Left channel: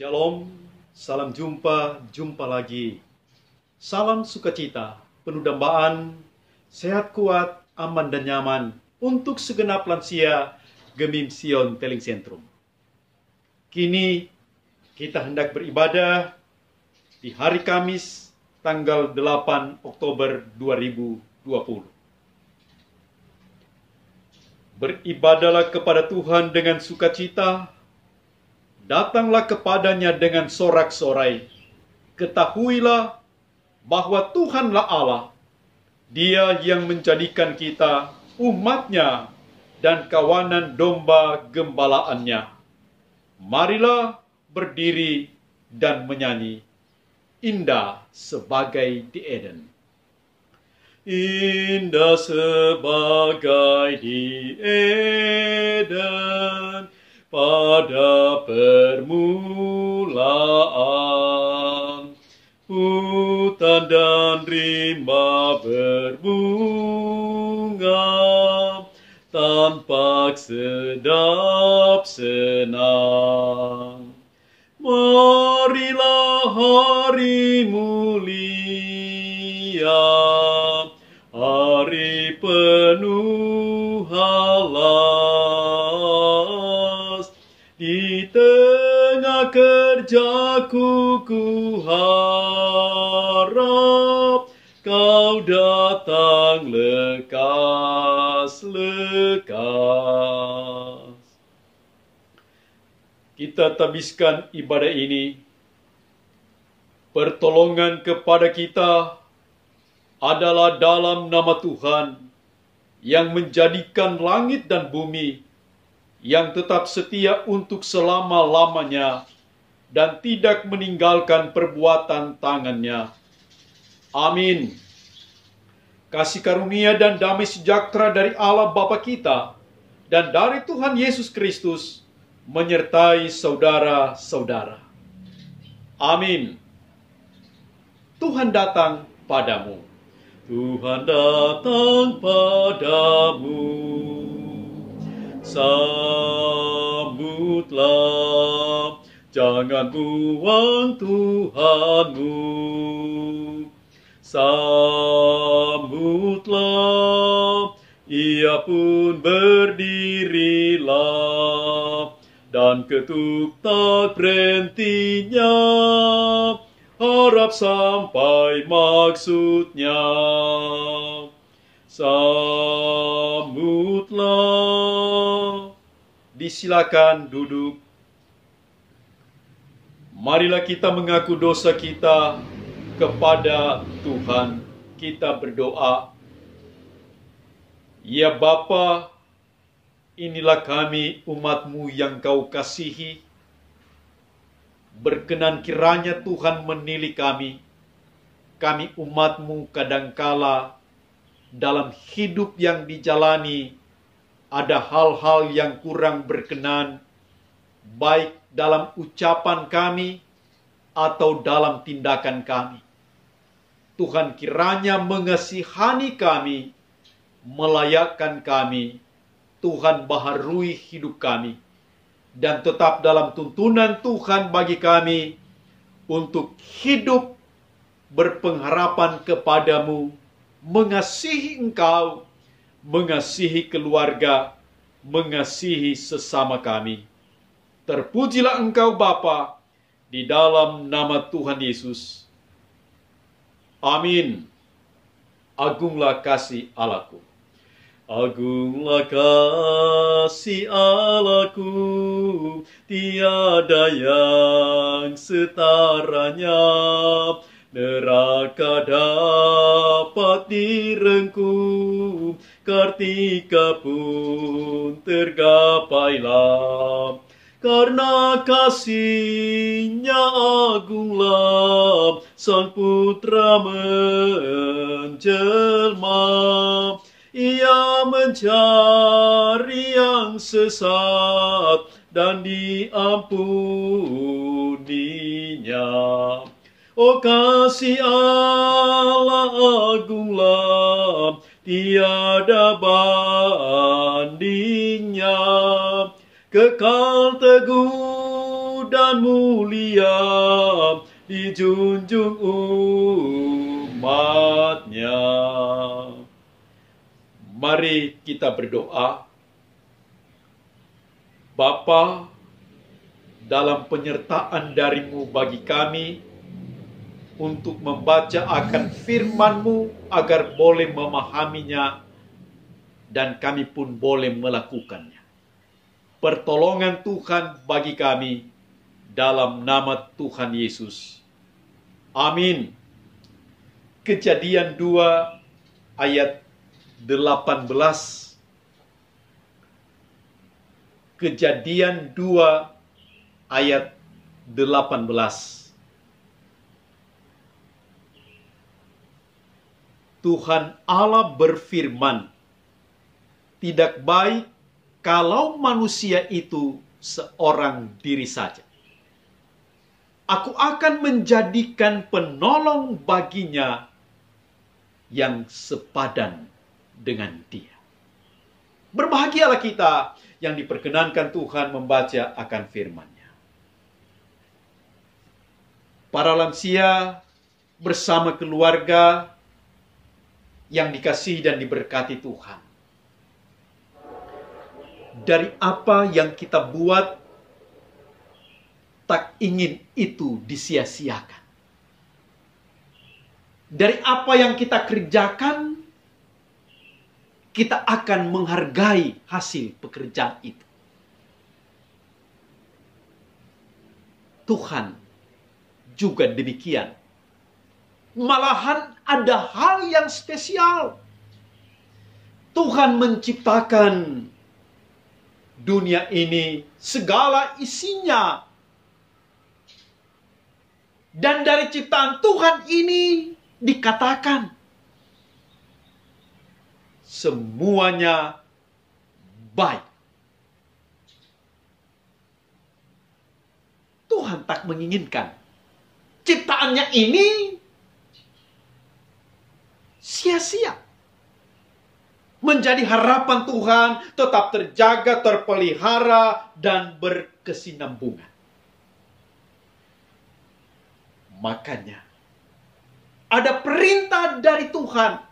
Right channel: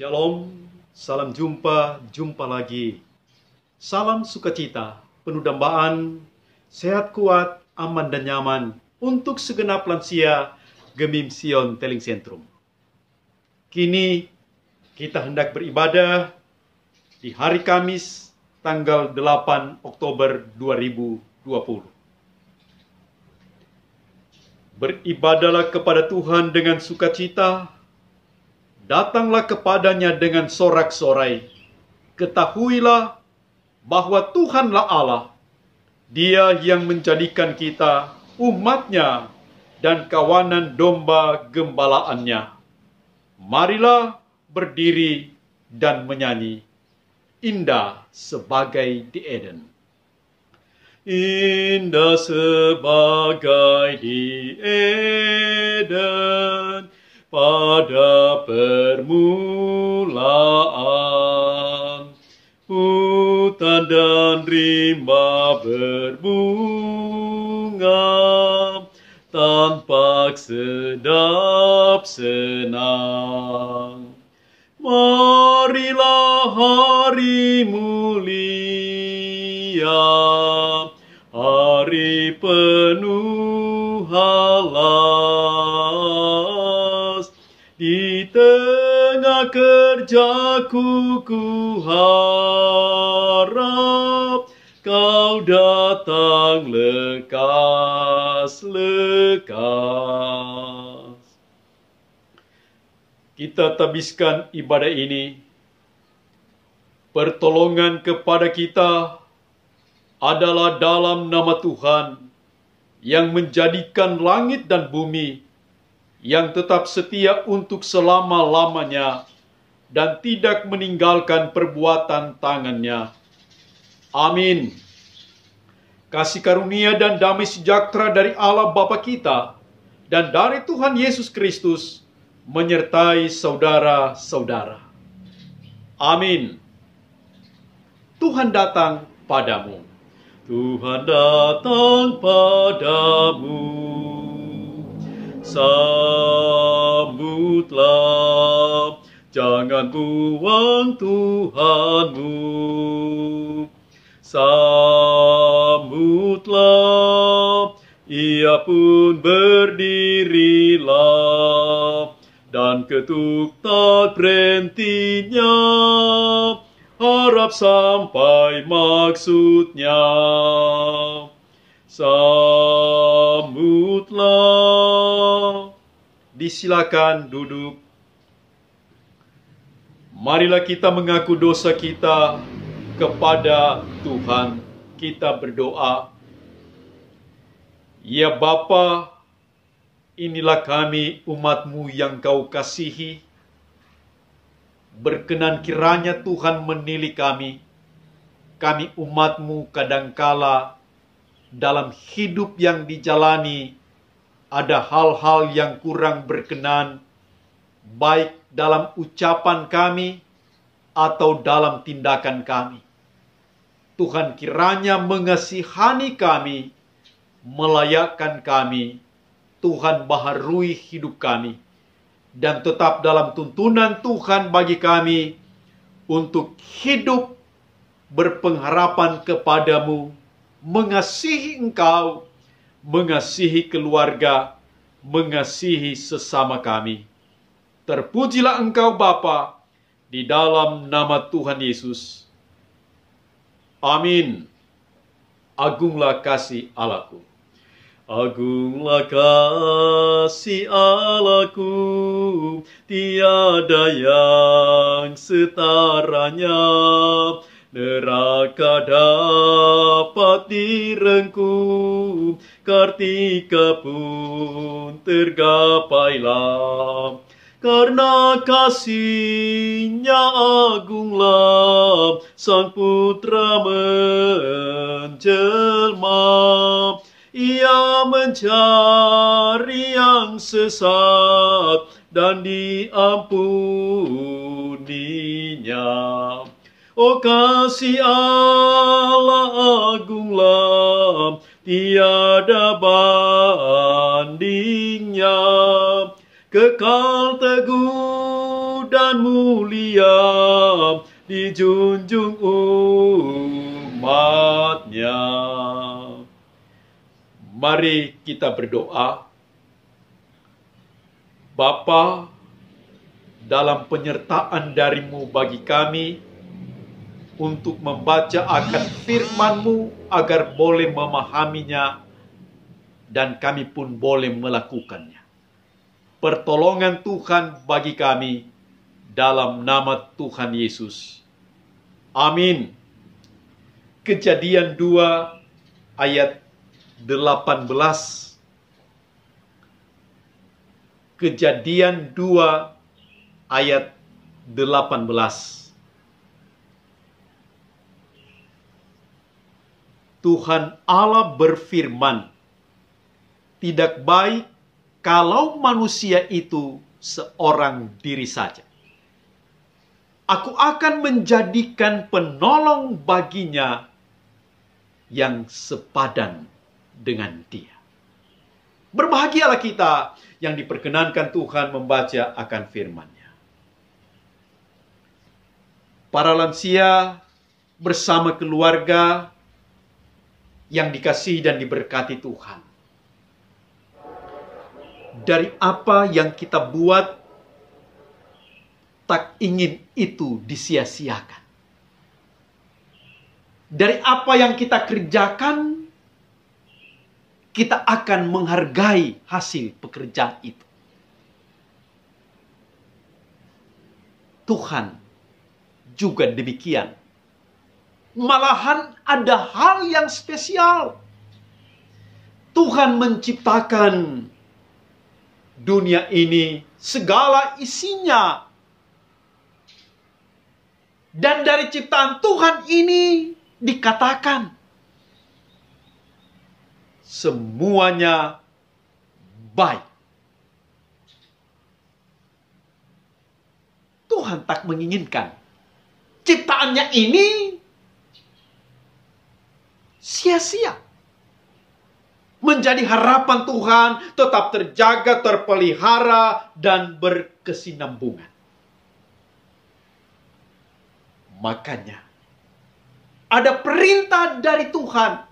Shalom, salam jumpa lagi. Salam sukacita, penuh dambaan, sehat kuat, aman dan nyaman untuk segenap lansia Gemim Sion Teling Sentrum. Kini kita hendak beribadah di hari Kamis tanggal 8 Oktober 2020. Beribadahlah kepada Tuhan dengan sukacita, datanglah kepadanya dengan sorak-sorai. Ketahuilah bahwa Tuhanlah Allah, Dia yang menjadikan kita umatnya dan kawanan domba gembalaannya. Marilah berdiri dan menyanyi, indah sebagai di Eden. Indah sebagai di Eden, pada permulaan, hutan dan rimba berbunga, tampak sedap senang. Marilah hari mulia, hari penuh halas. Di tengah kerjaku ku harap Kau datang lekas-lekas. Kita tabiskan ibadah ini. Pertolongan kepada kita adalah dalam nama Tuhan yang menjadikan langit dan bumi, yang tetap setia untuk selama-lamanya dan tidak meninggalkan perbuatan tangannya. Amin. Kasih karunia dan damai sejahtera dari Allah Bapa kita dan dari Tuhan Yesus Kristus menyertai saudara-saudara. Amin. Tuhan datang padamu. Tuhan datang padamu. Sambutlah, jangan buang Tuhanmu. Sambutlah, Ia pun berdirilah, dan ketuk tak berhentinya, harap sampai maksudnya. Sambutlah. Disilakan duduk. Marilah kita mengaku dosa kita kepada Tuhan. Kita berdoa. Ya Bapa, inilah kami umat-Mu yang Kau kasihi. Berkenan kiranya Tuhan menilai kami. Kami umat-Mu kadangkala dalam hidup yang dijalani ada hal-hal yang kurang berkenan, baik dalam ucapan kami atau dalam tindakan kami. Tuhan kiranya mengasihani kami, melayakkan kami. Tuhan baharui hidup kami, dan tetap dalam tuntunan Tuhan bagi kami untuk hidup berpengharapan kepadamu, mengasihi Engkau, mengasihi keluarga, mengasihi sesama kami. Terpujilah Engkau Bapa, di dalam nama Tuhan Yesus. Amin. Agunglah kasih Allahku. Agunglah kasih Allahku, tiada yang setaranya. Neraka dapat direngkuh, kartika pun tergapailah. Karena kasih-Nya agunglah, Sang Putra menjelma. Ia mencari yang sesat dan diampuninya. Oh kasih Allah agunglah, tiada bandingnya. Kekal teguh dan dan mulia dijunjung umatnya. Mari kita berdoa. Bapa, dalam penyertaan dari-Mu bagi kami untuk membaca akan firman-Mu agar boleh memahaminya dan kami pun boleh melakukannya. Pertolongan Tuhan bagi kami dalam nama Tuhan Yesus. Amin. Kejadian 2 ayat 18. Kejadian 2 ayat 18. Tuhan Allah berfirman, tidak baik kalau manusia itu seorang diri saja. Aku akan menjadikan penolong baginya yang sepadan dengan dia. Berbahagialah kita yang diperkenankan Tuhan membaca akan firman-Nya. Para lansia bersama keluarga yang dikasihi dan diberkati Tuhan. Dari apa yang kita buat, tak ingin itu disia-siakan. Dari apa yang kita kerjakan, kita akan menghargai hasil pekerjaan itu. Tuhan juga demikian. Malahan ada hal yang spesial. Tuhan menciptakan dunia ini, segala isinya. Dan dari ciptaan Tuhan ini dikatakan semuanya baik. Tuhan tak menginginkan ciptaannya ini sia-sia. Menjadi harapan Tuhan tetap terjaga, terpelihara, dan berkesinambungan. Makanya ada perintah dari Tuhan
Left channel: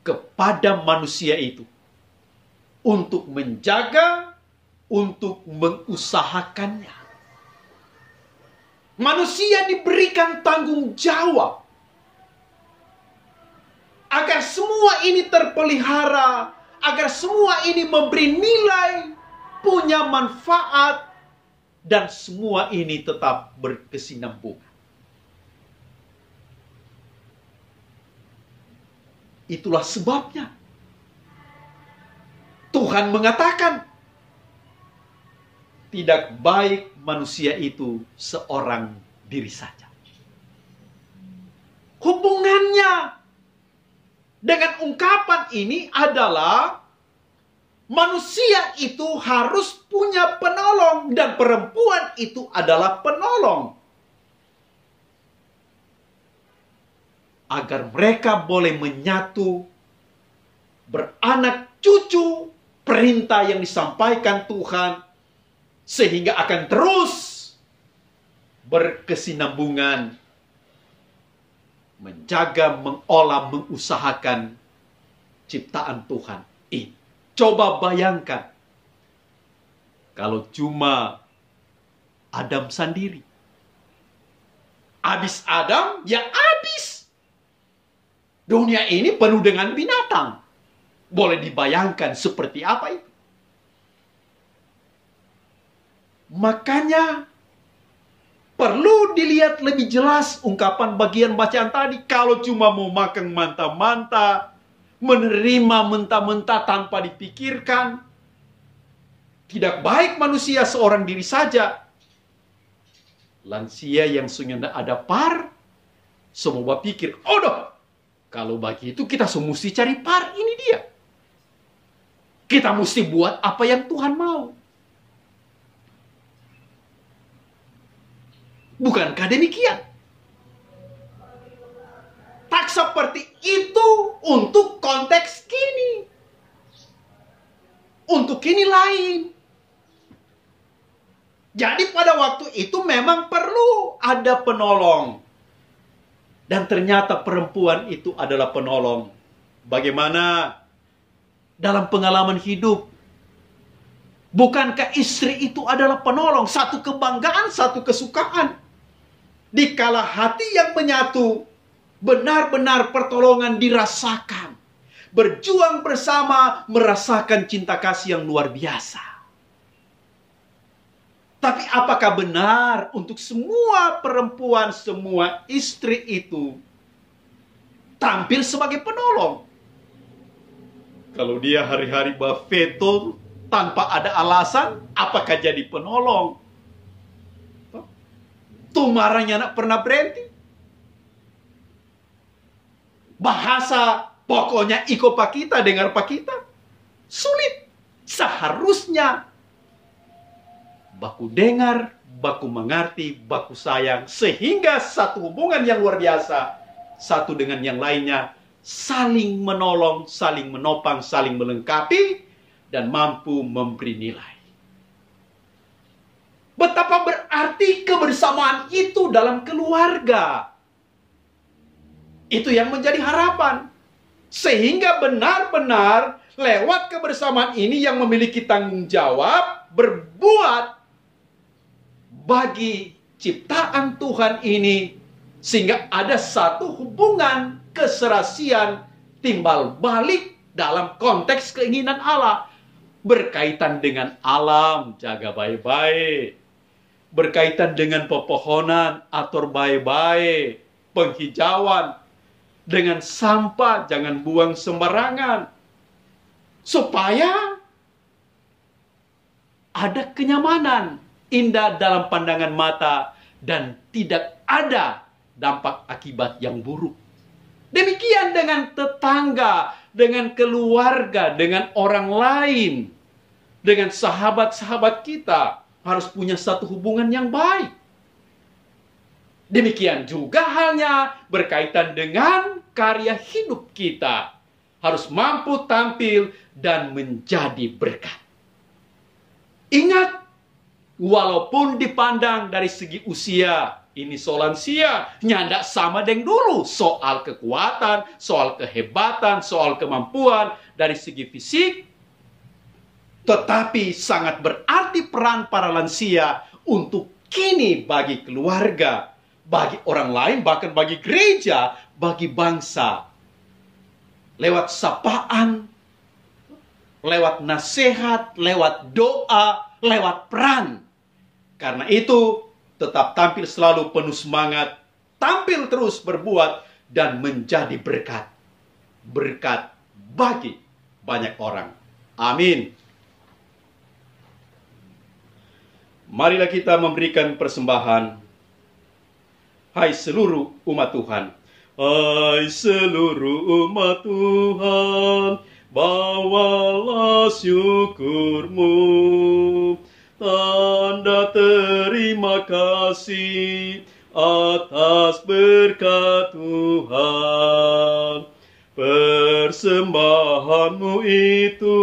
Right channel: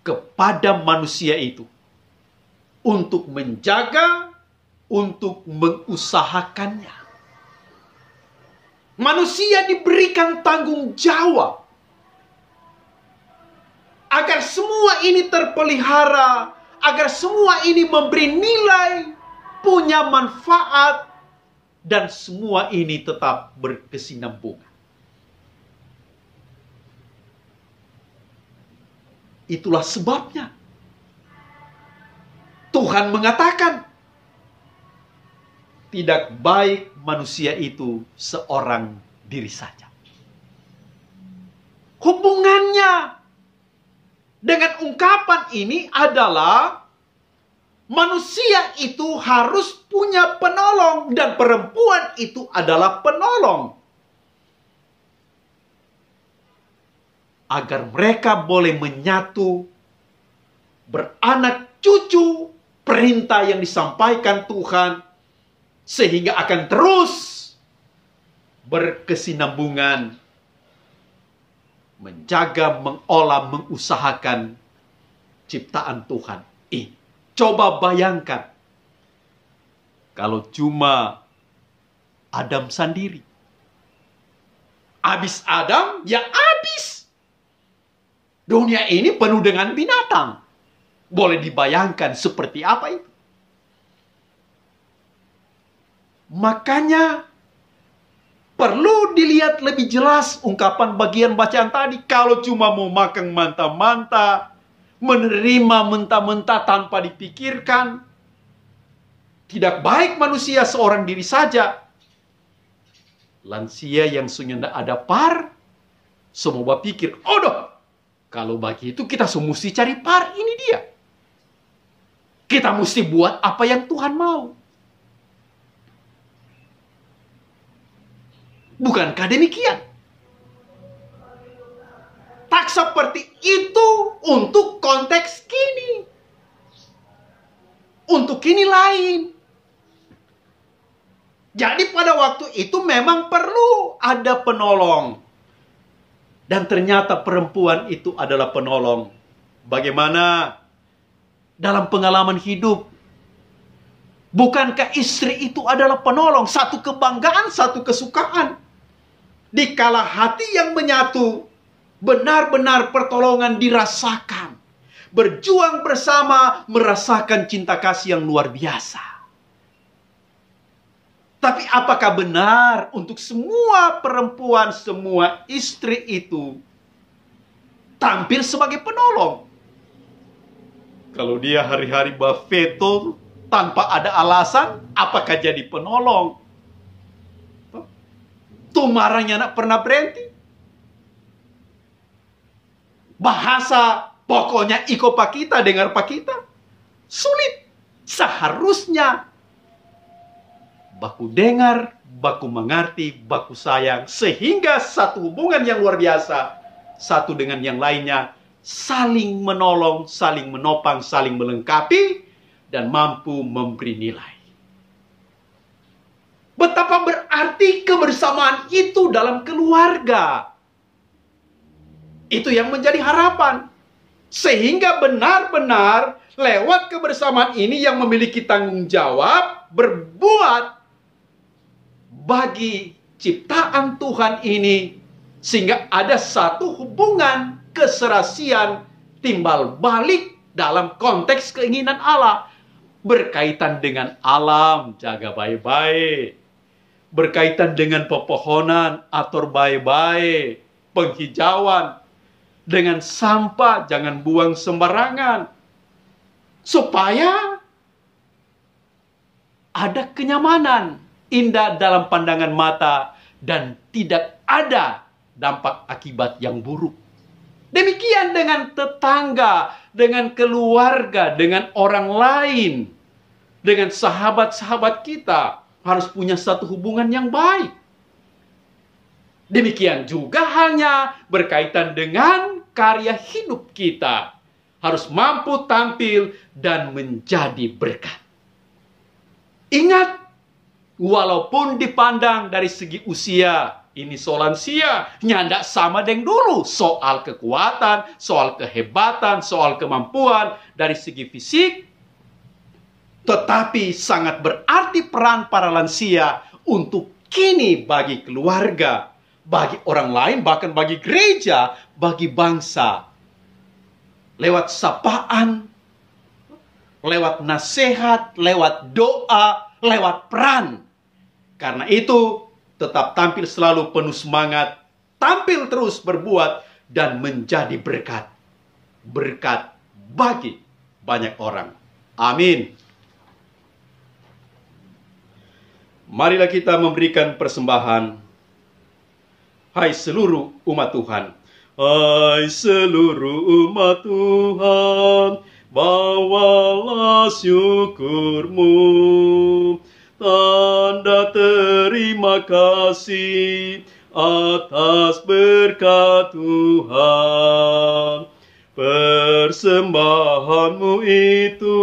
kepada manusia itu untuk menjaga, untuk mengusahakannya. Manusia diberikan tanggung jawab agar semua ini terpelihara, agar semua ini memberi nilai, punya manfaat, dan semua ini tetap berkesinambungan. Itulah sebabnya Tuhan mengatakan, tidak baik manusia itu seorang diri saja. Hubungannya dengan ungkapan ini adalah manusia itu harus punya penolong dan perempuan itu adalah penolong. Agar mereka boleh menyatu, beranak cucu, perintah yang disampaikan Tuhan, sehingga akan terus berkesinambungan, menjaga, mengolah, mengusahakan ciptaan Tuhan ini. Coba bayangkan, kalau cuma Adam sendiri. Habis Adam, ya habis. Dunia ini penuh dengan binatang. Boleh dibayangkan seperti apa itu. Makanya perlu dilihat lebih jelas ungkapan bagian bacaan tadi. Kalau cuma mau makan manta-manta, menerima mentah-mentah tanpa dipikirkan, tidak baik manusia seorang diri saja. Lansia yang sudah ada par, semua pikir, oh kalau begitu kita semua mesti cari par, ini dia. Kita mesti buat apa yang Tuhan mau. Bukankah demikian? Tak seperti itu untuk konteks kini. Untuk kini lain. Jadi pada waktu itu memang perlu ada penolong. Dan ternyata perempuan itu adalah penolong. Bagaimana dalam pengalaman hidup? Bukankah istri itu adalah penolong? Satu kebanggaan, satu kesukaan. Dikala hati yang menyatu, benar-benar pertolongan dirasakan. Berjuang bersama, merasakan cinta kasih yang luar biasa. Tapi apakah benar untuk semua perempuan, semua istri itu tampil sebagai penolong? Kalau dia hari-hari berveto tanpa ada alasan, apakah jadi penolong? Tuh marahnya nak pernah berhenti. Bahasa pokoknya iko pak kita, dengar pak kita. Sulit. Seharusnya baku dengar, baku mengerti, baku sayang. Sehingga satu hubungan yang luar biasa, satu dengan yang lainnya, saling menolong, saling menopang, saling melengkapi, dan mampu memberi nilai. Betapa berarti kebersamaan itu dalam keluarga. Itu yang menjadi harapan. Sehingga benar-benar lewat kebersamaan ini yang memiliki tanggung jawab berbuat bagi ciptaan Tuhan ini, sehingga ada satu hubungan keserasian timbal balik dalam konteks keinginan Allah. Berkaitan dengan alam, jaga baik-baik. Berkaitan dengan pepohonan, atur baik-baik. Penghijauan. Dengan sampah, jangan buang sembarangan. Supaya ada kenyamanan, indah dalam pandangan mata, dan tidak ada dampak akibat yang buruk. Demikian dengan tetangga, dengan keluarga, dengan orang lain, dengan sahabat-sahabat kita, harus punya satu hubungan yang baik. Demikian juga halnya berkaitan dengan karya hidup kita. Harus mampu tampil dan menjadi berkat. Ingat, walaupun dipandang dari segi usia, ini soal lansia, nyandak sama dengan dulu. Soal kekuatan, soal kehebatan, soal kemampuan dari segi fisik. Tetapi sangat berarti peran para lansia untuk kini bagi keluarga, bagi orang lain, bahkan bagi gereja, bagi bangsa. Lewat sapaan, lewat nasihat, lewat doa, lewat peran. Karena itu, tetap tampil selalu penuh semangat, tampil terus berbuat, dan menjadi berkat. Berkat bagi banyak orang. Amin. Marilah kita memberikan persembahan. Hai seluruh umat Tuhan. Hai seluruh umat Tuhan, bawalah syukurmu. Tanda terima kasih atas berkat Tuhan. Persembahanmu itu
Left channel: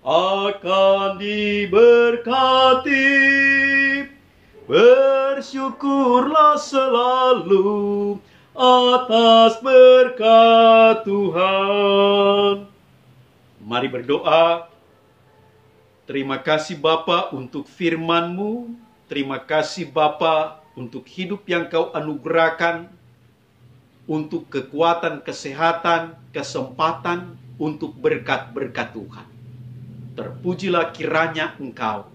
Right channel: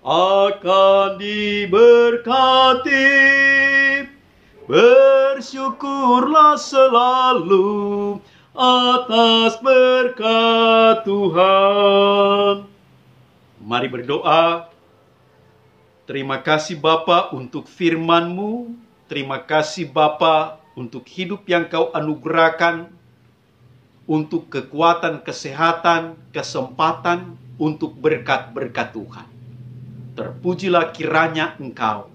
akan diberkati. Bersyukurlah selalu atas berkat Tuhan. Mari berdoa. Terima kasih Bapa untuk firman-Mu. Terima kasih Bapa untuk hidup yang Kau anugerahkan. Untuk kekuatan, kesehatan, kesempatan, untuk berkat-berkat Tuhan. Terpujilah kiranya Engkau.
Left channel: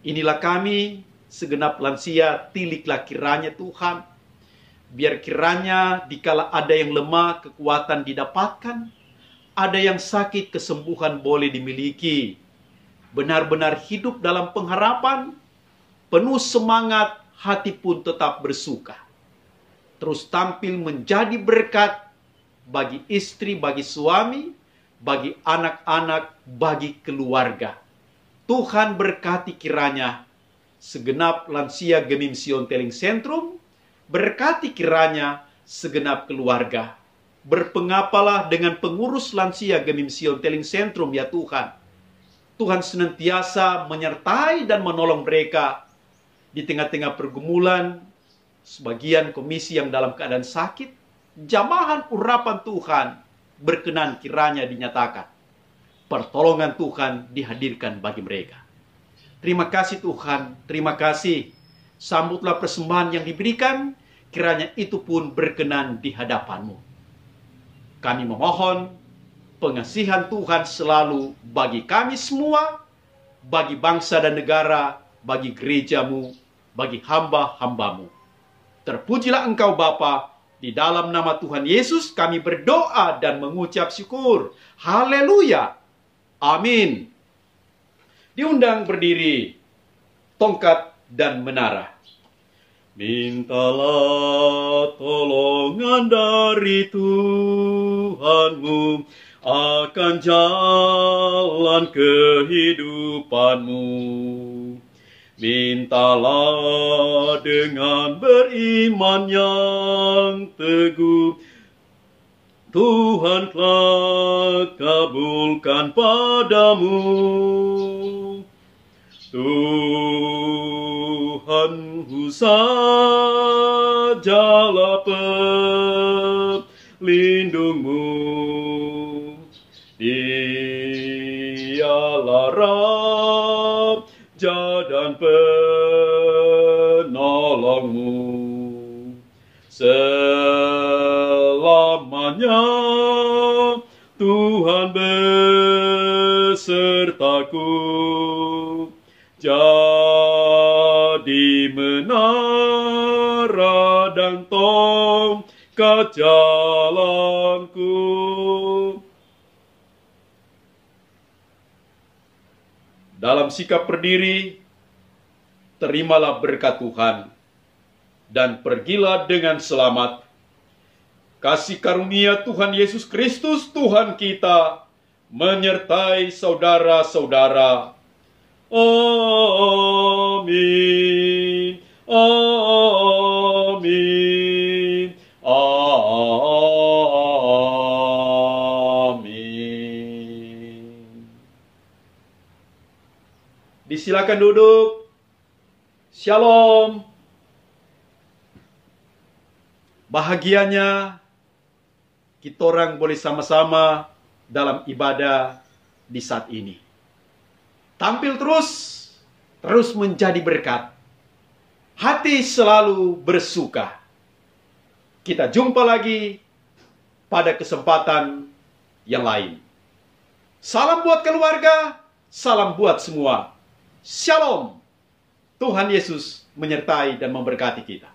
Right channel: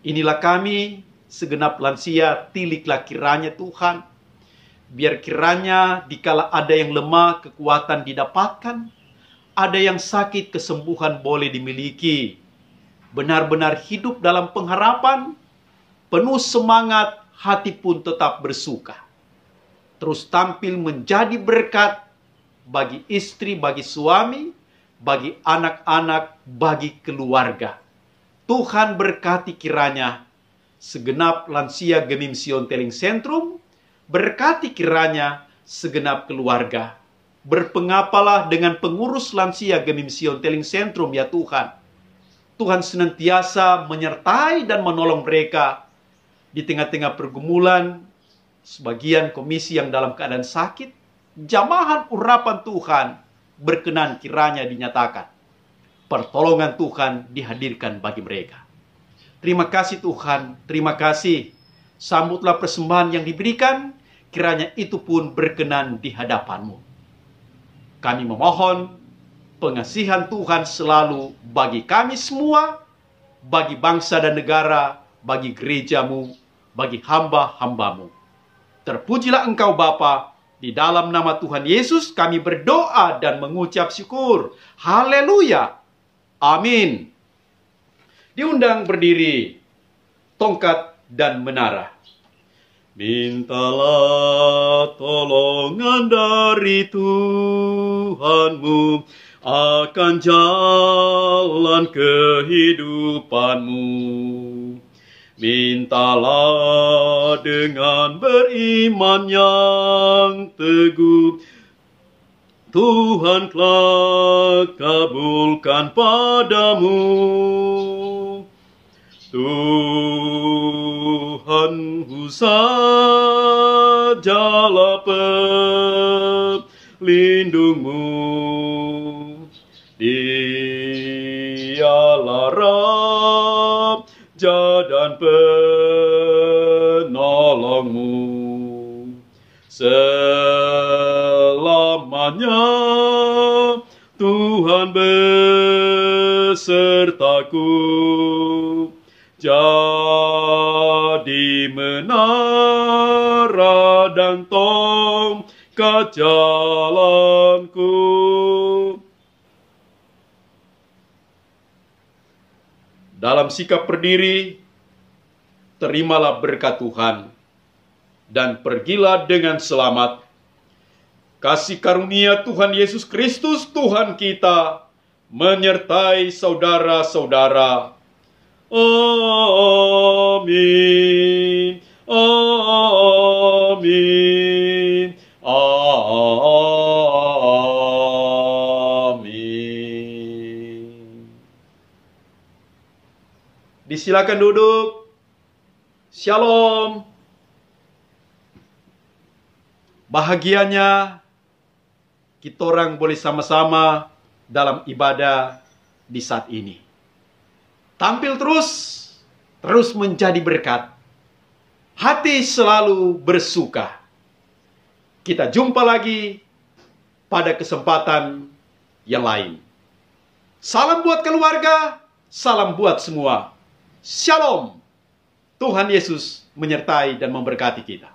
Inilah kami, segenap lansia, tiliklah kiranya Tuhan. Biar kiranya dikala ada yang lemah, kekuatan didapatkan. Ada yang sakit, kesembuhan boleh dimiliki. Benar-benar hidup dalam pengharapan, penuh semangat, hati pun tetap bersuka. Terus tampil menjadi berkat bagi istri, bagi suami, bagi anak-anak, bagi keluarga. Tuhan berkati kiranya segenap lansia Gemim Sion Teling Sentrum, berkati kiranya segenap keluarga. Berpengapalah dengan pengurus lansia Gemim Sion Teling Sentrum ya Tuhan. Tuhan senantiasa menyertai dan menolong mereka di tengah-tengah pergumulan. Sebagian komisi yang dalam keadaan sakit, jamahan urapan Tuhan berkenan kiranya dinyatakan. Pertolongan Tuhan dihadirkan bagi mereka. Terima kasih Tuhan, terima kasih. Sambutlah persembahan yang diberikan, kiranya itu pun berkenan di hadapan-Mu. Kami memohon pengasihan Tuhan selalu bagi kami semua, bagi bangsa dan negara, bagi gereja-Mu, bagi hamba-hamba-Mu. Terpujilah Engkau Bapa, di dalam nama Tuhan Yesus kami berdoa dan mengucap syukur. Haleluya. Amin. Diundang berdiri tongkat dan menara. Mintalah tolongan dari Tuhanmu akan jalan kehidupanmu. Mintalah dengan beriman yang teguh, Tuhan kelak kabulkan padamu. Tuhanku sajalah pelindungmu, Dialah Raja dan penolongmu. Selamanya Tuhan besertaku, jadi menara dan tongkat jalanku. Dalam sikap berdiri, terimalah berkat Tuhan, dan pergilah dengan selamat. Kasih karunia Tuhan Yesus Kristus Tuhan kita menyertai saudara-saudara. Amin. Amin. Amin. Disilakan duduk. Shalom. Bahagianya kita orang boleh sama-sama dalam ibadah di saat ini. Tampil terus menjadi berkat. Hati selalu bersuka. Kita jumpa lagi pada kesempatan yang lain. Salam buat keluarga, salam buat semua. Shalom. Tuhan Yesus menyertai dan memberkati kita.